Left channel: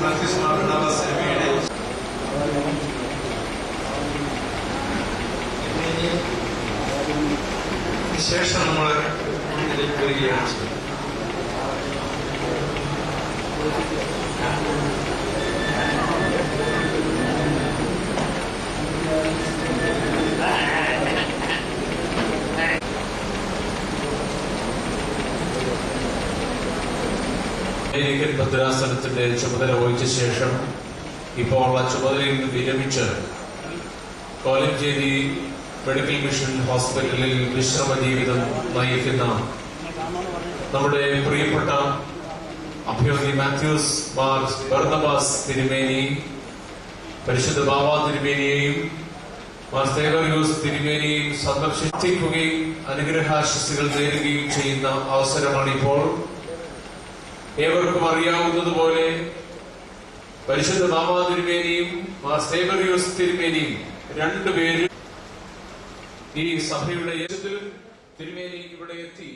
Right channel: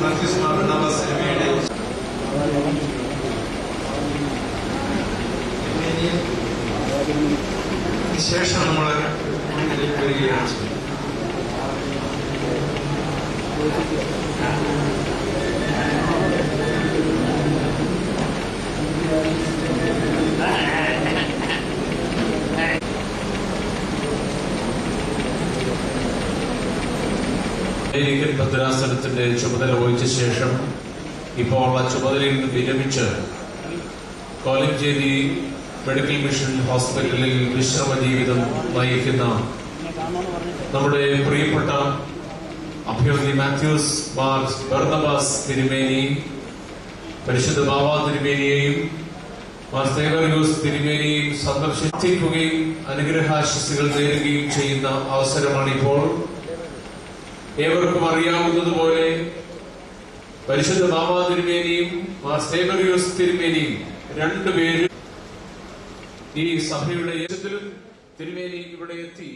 ബാപ്റ്റിസ്മ ബർണ്ണബാസ് തിരുമേനിയുടെ ശേഷം നമ്മൾ ഇതിലേക്ക് വരികയാണ്. അമേരിക്കൻ ഭദ്രാസനത്തിന്റെ ചുമതല വഹിച്ച ശേഷം ഇപ്പോൾ ആ ചുമതലയിൽ നിന്ന് വിരമിച്ച് കോലഞ്ചേരി മെഡിക്കൽ മിഷൻ ഹോസ്പിറ്റലിൽ വിശ്രമ ജീവിതം നയിക്കുന്ന നമ്മുടെ പ്രിയപ്പെട്ട അഭിമന്യ മാത്യൂസ് മാർ ബർണ്ണബാസ് തിരുമേനി, പരിശുദ്ധ ബാബ തിരുമേനിയെയും മാർ സേവറിയൂസ് തിരുമേനിയെയും സന്ദർശിക്കുകയും അനുഗ്രഹാശിസുകൾ നേരുകയും ചെയ്യുന്ന അവസരമാണിപ്പോൾ. ഏവർക്കും അറിയാവുന്നതുപോലെ പരിശുദ്ധ ബാബ തിരുമേനിയും മാർ സേവറിയൂസ് തിരുമേനിയും രണ്ടുപേരും ഈ സഭയുടെ യജ്ഞത്തിലും തിരുമേനി ഇവിടെ എത്തി